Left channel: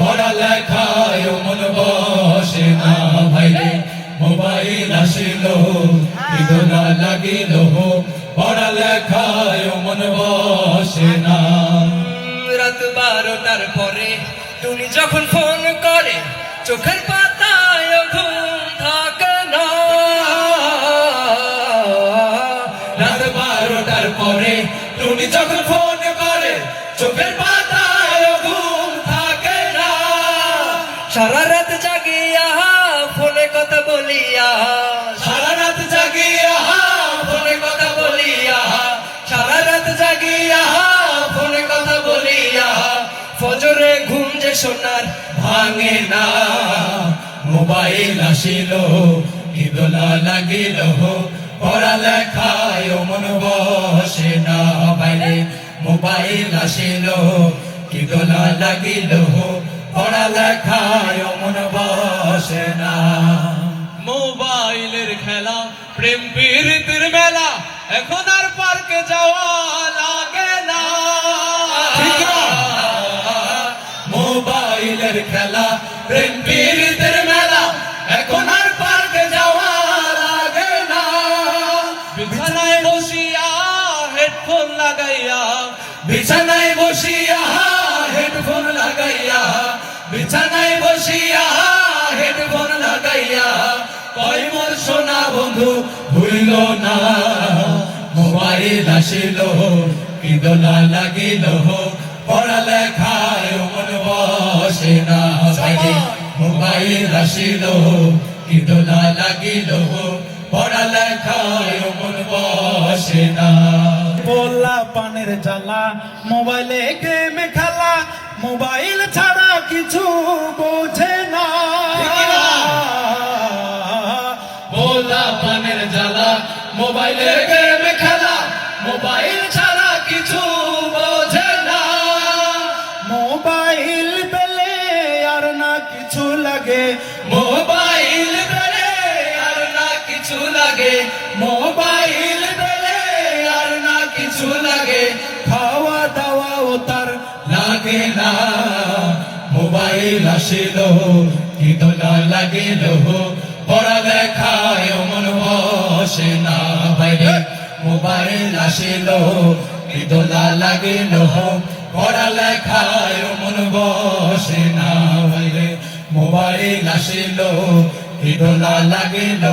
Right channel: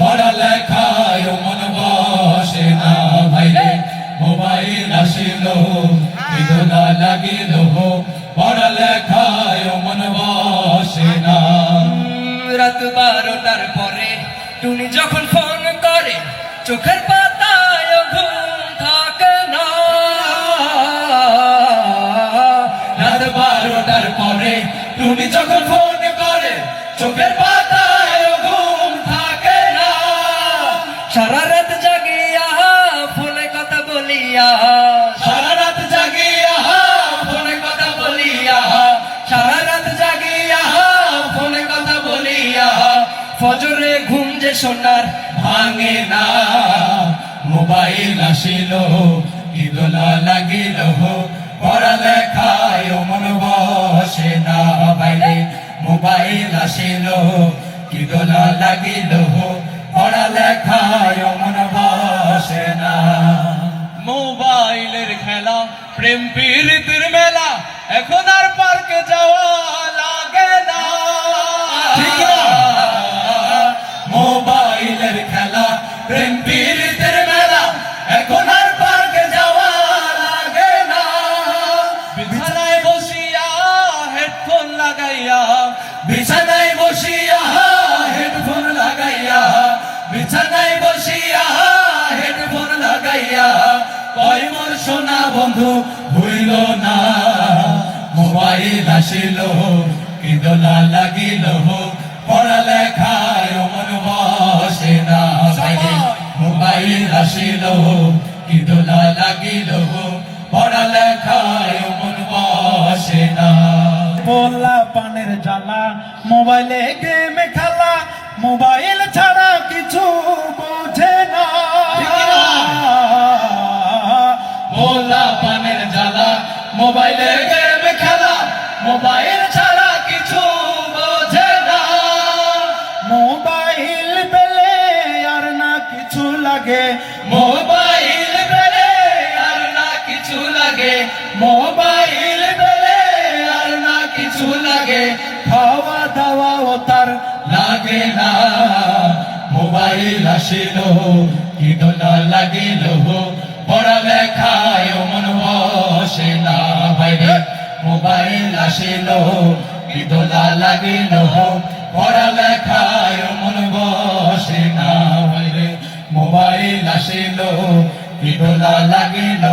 পড়ালেখায় মন বসে না ভাইরে, মোবাইল আসিল বিদনা লাগিল পড়ালেখায় মন বসে না। রাত বারোটার পরে তুমি যখন ফোন করে, চোখের পাতায় ঘুম থাকে না। রাত বারোটার পরে টুনি যখন ফোন চোখের পাতায় ঘুম থাকে না। সারা রাত জাগিয়া ফোনে কথা বলিয়া। সারা রাত জাগিয়া ফোনে কথা বলিয়া। সারা রাত জাগিয়া ফোনে কথা বলিয়া। ফজরে ঘুম যে সোনার ভাঙে না। মোবাইল আসিল ইদনা লাগিল, পড়ালেখায় মন বসে না। বাইরে মোবাইল আসিল ইদনা লাগিল পড়ালেখায় মন বসে না। মোবাইলের খেলা প্রেম প্রীতির মেলা এখন আর পার্কে যাওয়া লাগে না। মোবাইলের খেলা প্রেম পীড়িতের লাগাইয়া সোনা বন্ধু ভুইল না। মোবাইল আসিল ইদলা লাগিল পড়ালেখায় মন বসে না। মোবাইল আসিল লাগিল পড়ালেখায় মন বসে না। পোলা পানের জ্বালা মোবাইলে গেমে খেলা মোবাইল ছাড়া কিছু বোঝে না। মোলা পানের জ্বালা মোবাইলে গেম খেলা মোবাইল ছাড়া কিছু বোঝে না। মোবাইল পেলে আর না কিছু লাগে। মোবাইল বেলে আর না কিছু লাগে। মোবাইল বেলে আর না কিছু লাগে। খাওয়া দাওয়া ও তার লাগে না। মোবাইল আসিল কি দোলা লাগিল পড়ালেখায় মন বসে না বাইরে মোবাইল আসিল কি দোলা লাগিল পড়ালেখায় মন বসে না বাইরে মোবাইল আসিল কি দোলা লাগিল